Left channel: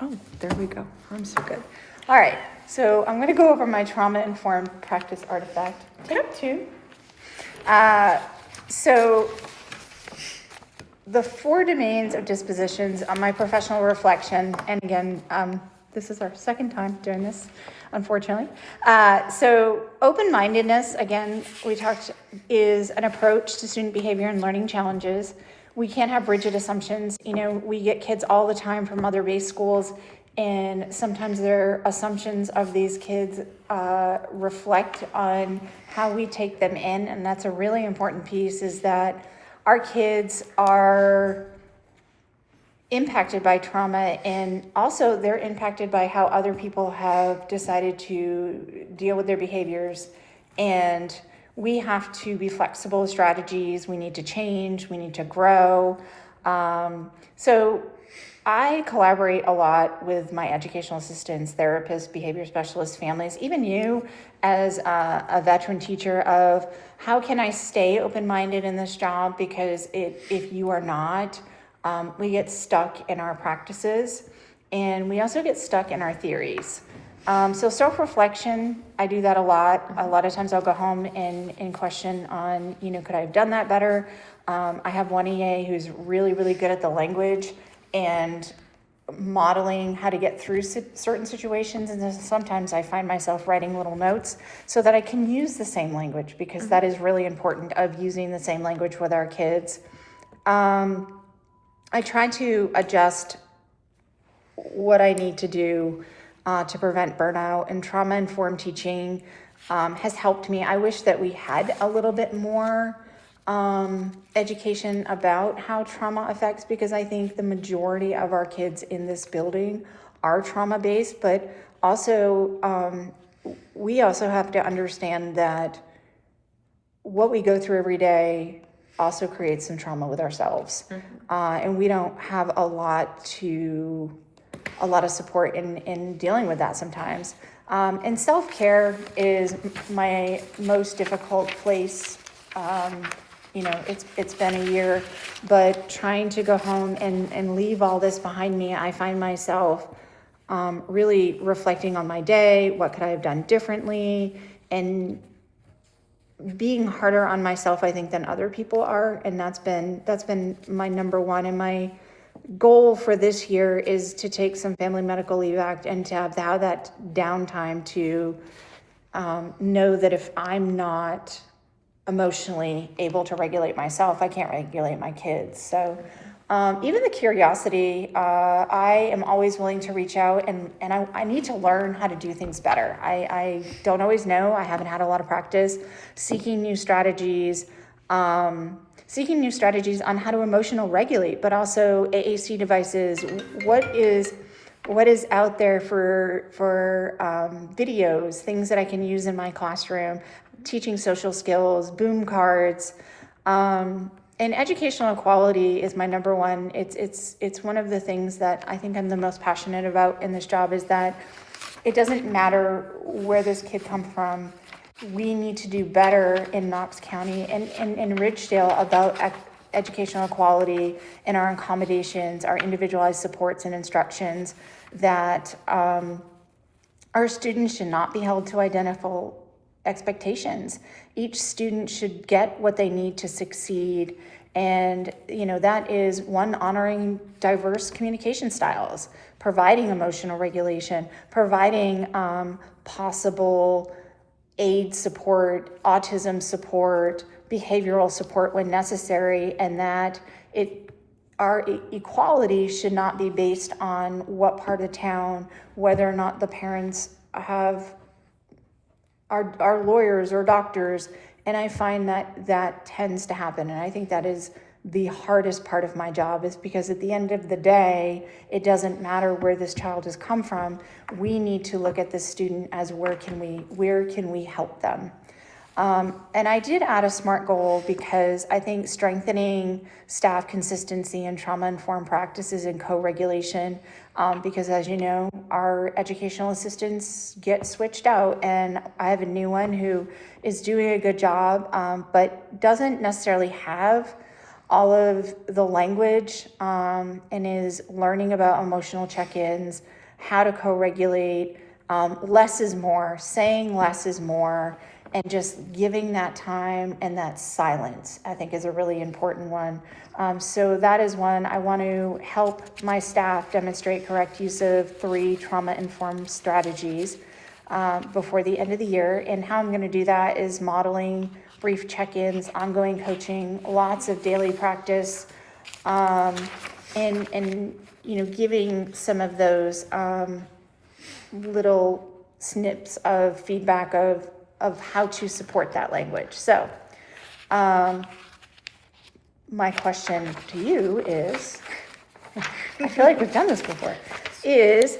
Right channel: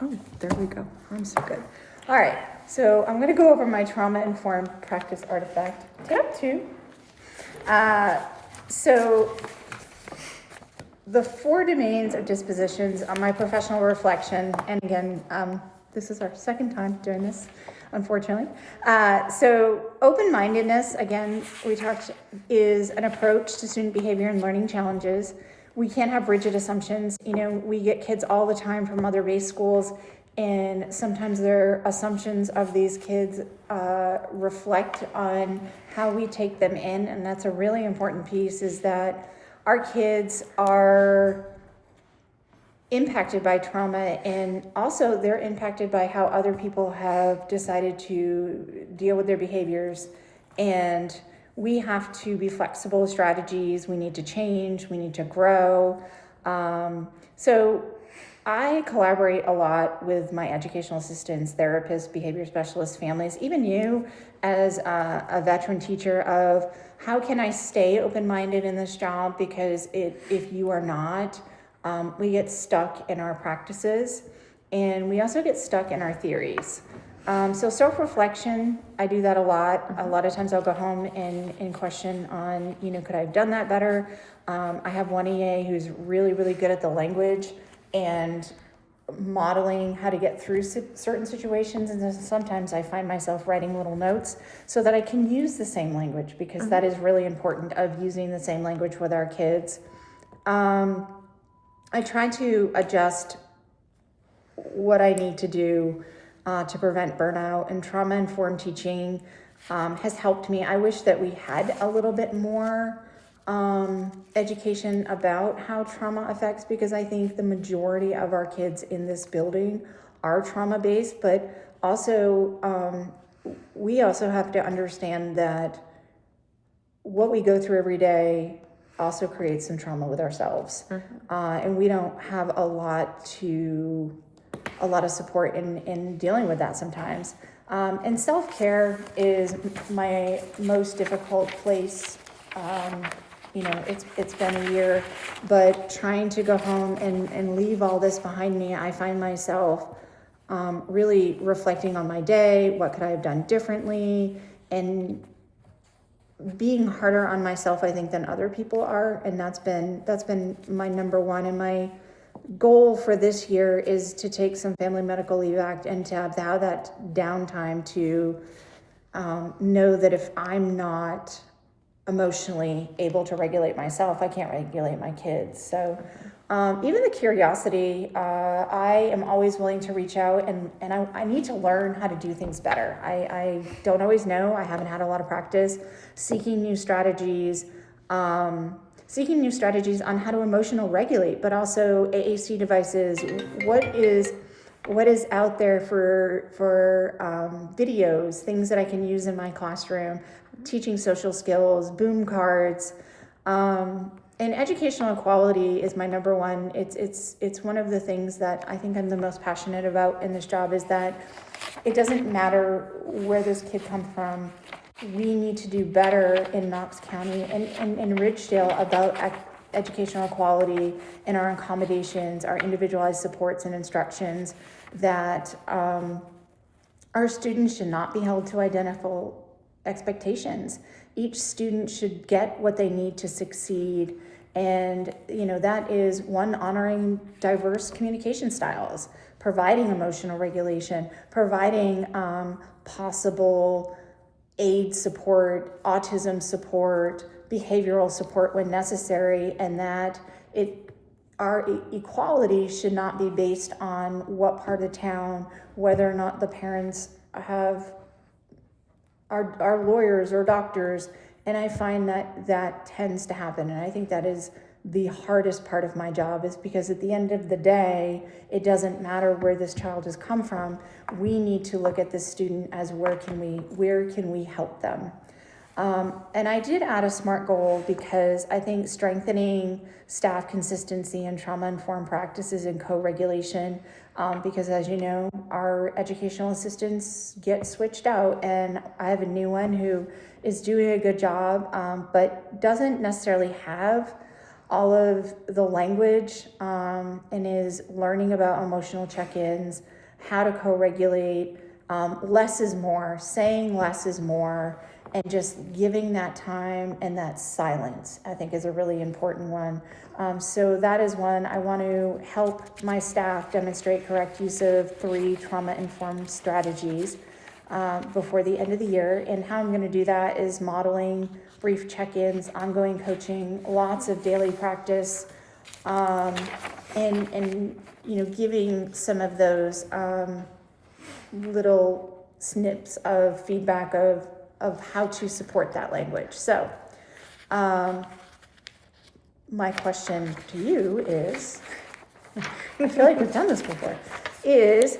Oh, there we go. I'm so good. All right, so I'm going to go over my trauma-informed practice artifact. Tip 2. So the 4 domains of dispositions on my professional reflection, and again, this is our second time doing this, unfortunately. So open-mindedness, again, we talked, is an approach to student behavior and learning challenges. We can't have rigid assumptions. You know, we get kids all the time from other-based schools, and sometimes their assumptions of these kids reflect on how we take them in, and that's a really important piece, is that our kids are impacted by trauma, and also they're impacted by how other people have decided to deal with their behaviors. And we have to be flexible with strategies. We need to change. We need to grow. So I collaborate a lot with my educational assistants, therapists, behavior specialists, families, even you as a veteran teacher, of how can I stay open-minded in this job? Because if you are not, we get stuck in our practices, and we also get stuck in our theories. So self-reflection, I do that a lot. A lot of times I'll go home and question on, could I have done that better? I have one EA who's really, really good at the language and modeling how to get through certain situations, and then sometimes I find myself writing little notes so that I can use the same language, because that is really important, of using the same language with our kids. I try to adjust what I need to do to prevent burnout, and trauma-informed teaching has helped me. I wish that we had a little bit more education about how trauma affects, because I think the majority of our kids in this building are trauma-based, but also we also have to understand that what we go through every day also creates some trauma with ourselves. And we don't have a lot of support in dealing with that sometimes. And self-care is my most difficult place. It's been a year, but trying to go home and leave all this behind me, I find myself really reflecting on my day. What could I have done differently? And being harder on myself, I think, than other people are. And that's been my number one. And my goal for this year is to take some family medical leave act, and to have that downtime to know that if I'm not emotionally able to regulate myself, I can't regulate my kids. So even the curiosity, I am always willing to reach out, and I need to learn how to do things better. I don't always know. I haven't had a lot of practice seeking new strategies on how to emotional regulate, but also AAC devices. What is out there for videos, things that I can use in my classroom, teaching social skills, boom cards, and educational equality is my number one. It's one of the things that I think I'm the most passionate about in this job, is that it doesn't matter where this kid comes from. We need to do better in Knox County and in Ridgedale about educational equality and our accommodations, our individualized supports and instructions, that our students should not be held to identical expectations. Each student should get what they need to succeed. And, that is one, honoring diverse communication styles, providing emotional regulation, providing possible aid support, autism support, behavioral support when necessary, and that our equality should not be based on what part of town, whether or not the parents are lawyers or doctors. And I find that tends to happen, and I think that is the hardest part of my job, is because at the end of the day, it doesn't matter where this child has come from. We need to look at this student as where can we help them. And I did add a SMART goal, because I think strengthening staff consistency and trauma-informed practices and co-regulation, because as you know, our educational assistants get switched out, and I have a new one who is doing a good job, but doesn't necessarily have all of the language, and is learning about emotional check-ins, how to co-regulate, less is more, saying less is more, and just giving that time and that silence, I think, is a really important one. So that is one. I want to help my staff demonstrate correct use of 3 trauma-informed strategies before the end of the year. And how I'm going to do that is modeling brief check-ins, ongoing coaching, lots of daily practice, and giving some of those little snips of feedback of how to support that language. So my question to you is, I feel like we've done this before, is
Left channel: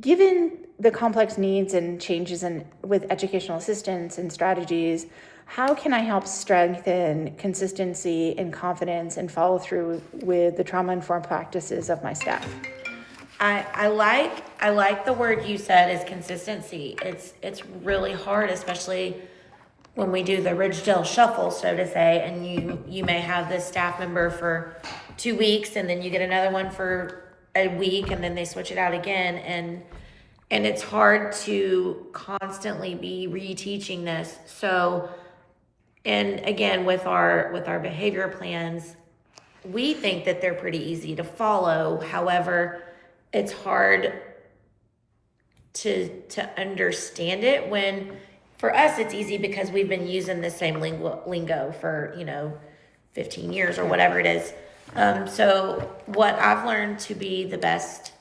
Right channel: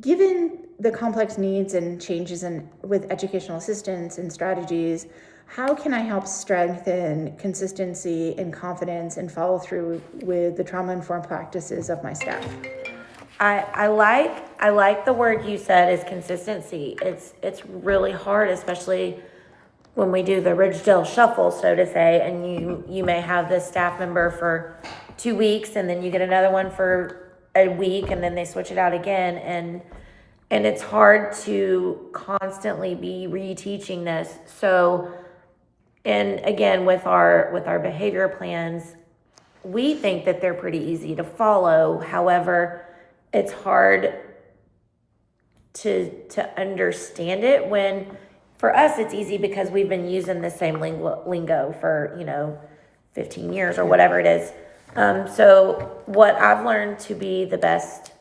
given the complex needs and changes with educational assistance and strategies, how can I help strengthen consistency and confidence and follow through with the trauma-informed practices of my staff? I like the word you said is consistency. It's really hard, especially when we do the Ridgedale shuffle, so to say, and you may have this staff member for 2 weeks, and then you get another one for a week, and then they switch it out again, and it's hard to constantly be reteaching this. So, and again, with our behavior plans, we think that they're pretty easy to follow. However, it's hard to understand it when, for us, it's easy because we've been using the same lingo for 15 years or whatever it is. So what I've learned to be the best,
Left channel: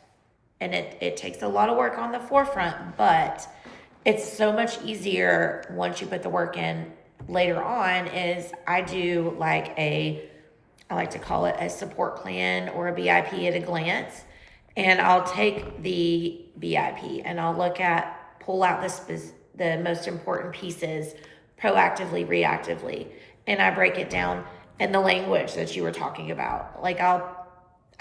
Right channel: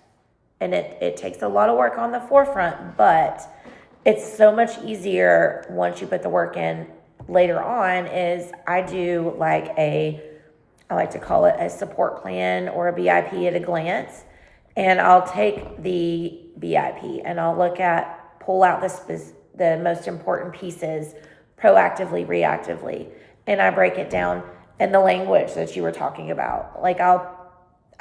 and it takes a lot of work on the forefront, but it's so much easier once you put the work in later on, is I do I like to call it a support plan or a BIP at a glance. And I'll take the BIP and I'll pull out the most important pieces proactively, reactively. And I break it down in the language that you were talking about.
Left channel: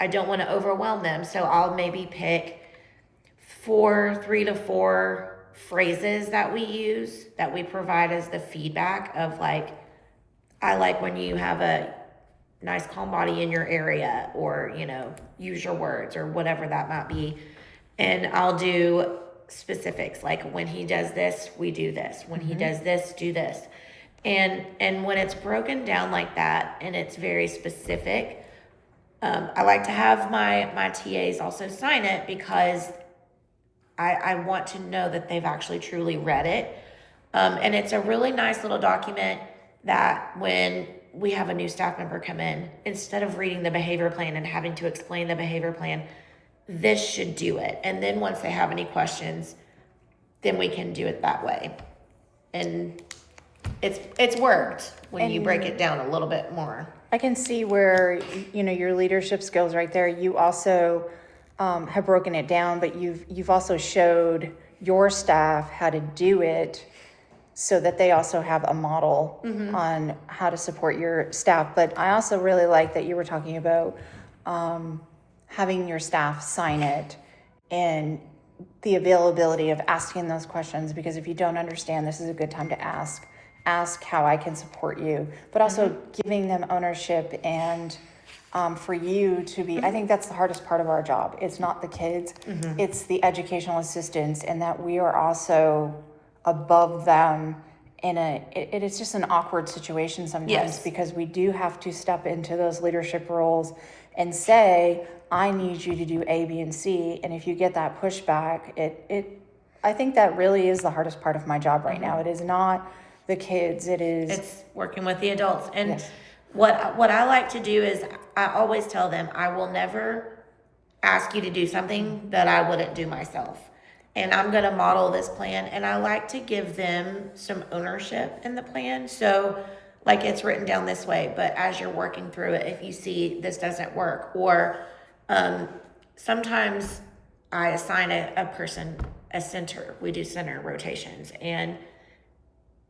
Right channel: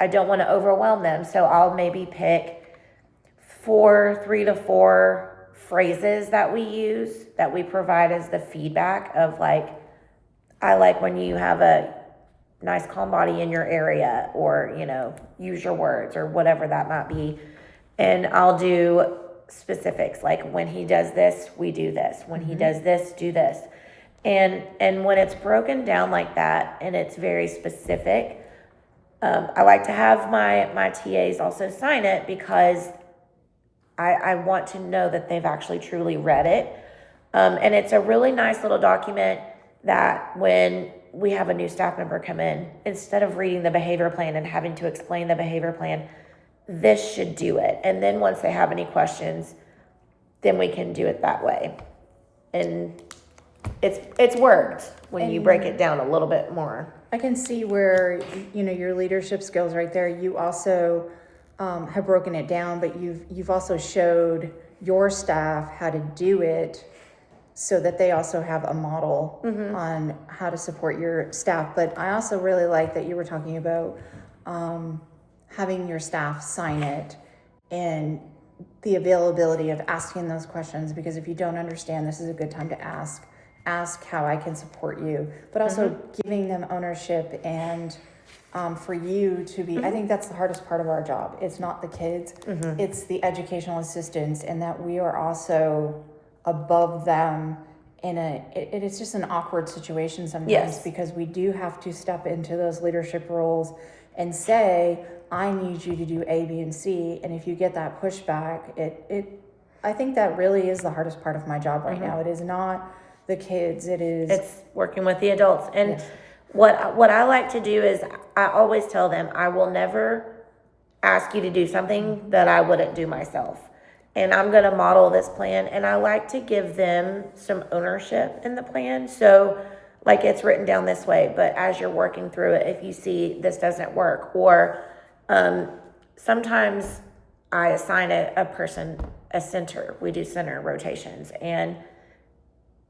I don't want to overwhelm them. So I'll maybe pick 3 to 4 phrases that we use, that we provide as the feedback of I like when you have a nice calm body in your area, or use your words, or whatever that might be. And I'll do specifics, like when he does this, we do this, when he does this, do this. And when it's broken down like that and it's very specific, I like to have my TAs also sign it, because I want to know that they've actually truly read it. And it's a really nice little document that when we have a new staff member come in, instead of reading the behavior plan and having to explain the behavior plan, this should do it. And then once they have any questions, then we can do it that way. And it's worked when you break it down a little bit more. I can see where, your leadership skills right there. You also have broken it down, but you've also showed your staff how to do it, so that they also have a model on how to support your staff. But I also really like that you were talking about having your staff sign it, and the availability of asking those questions, because if you don't understand, this is a good time to ask how I can support you, but also giving them ownership, and for you to be, I think that's the hardest part of our job. It's not the kids, it's the educational assistants, and that we are also above them it's just an awkward situation sometimes, because we do have to step into those leadership roles and say, I need you to do A, B, and C. And if you get that pushback, I think that really is the hardest part of my job right now. It is not the kids, it's working with the adults. And what I like to do is, I always tell them, I will never ask you to do something that I wouldn't do myself. And I'm going to model this plan, and I like to give them some ownership in the plan. So it's written down this way, but as you're working through it, if you see this doesn't work, or sometimes I assign a person a center. We do center rotations, and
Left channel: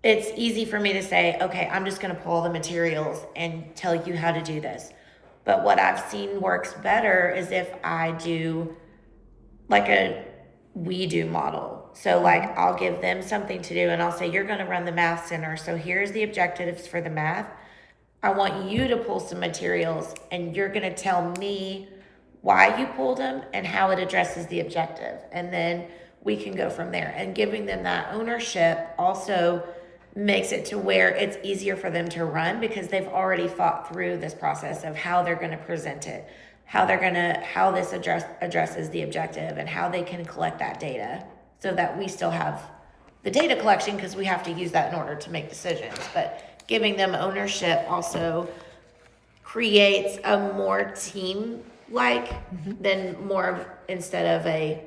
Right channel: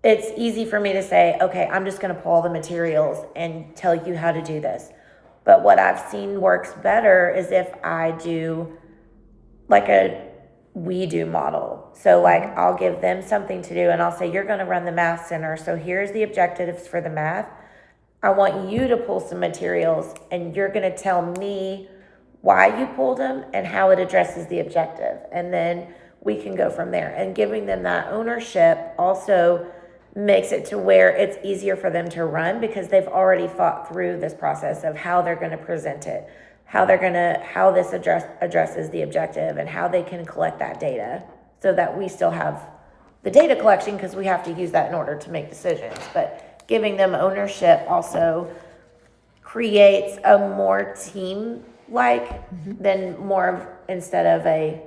it's easy for me to say, okay, I'm just going to pull all the materials and tell you how to do this. But what I've seen works better is if I do we do model. So I'll give them something to do, and I'll say, you're going to run the math center. So here's the objectives for the math. I want you to pull some materials and you're going to tell me why you pulled them and how it addresses the objective. And then we can go from there. And giving them that ownership also makes it to where it's easier for them to run because they've already thought through this process of how they're going to present it, how this addresses the objective, and how they can collect that data so that we still have the data collection because we have to use that in order to make decisions. But giving them ownership also creates a more team-like than more instead of a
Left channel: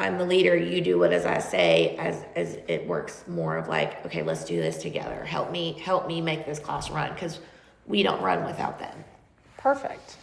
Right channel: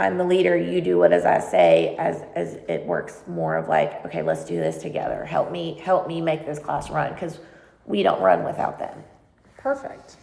I'm the leader, you do what as I say, as it works more of like, okay, let's do this together. Help me make this class run because we don't run without them. Perfect.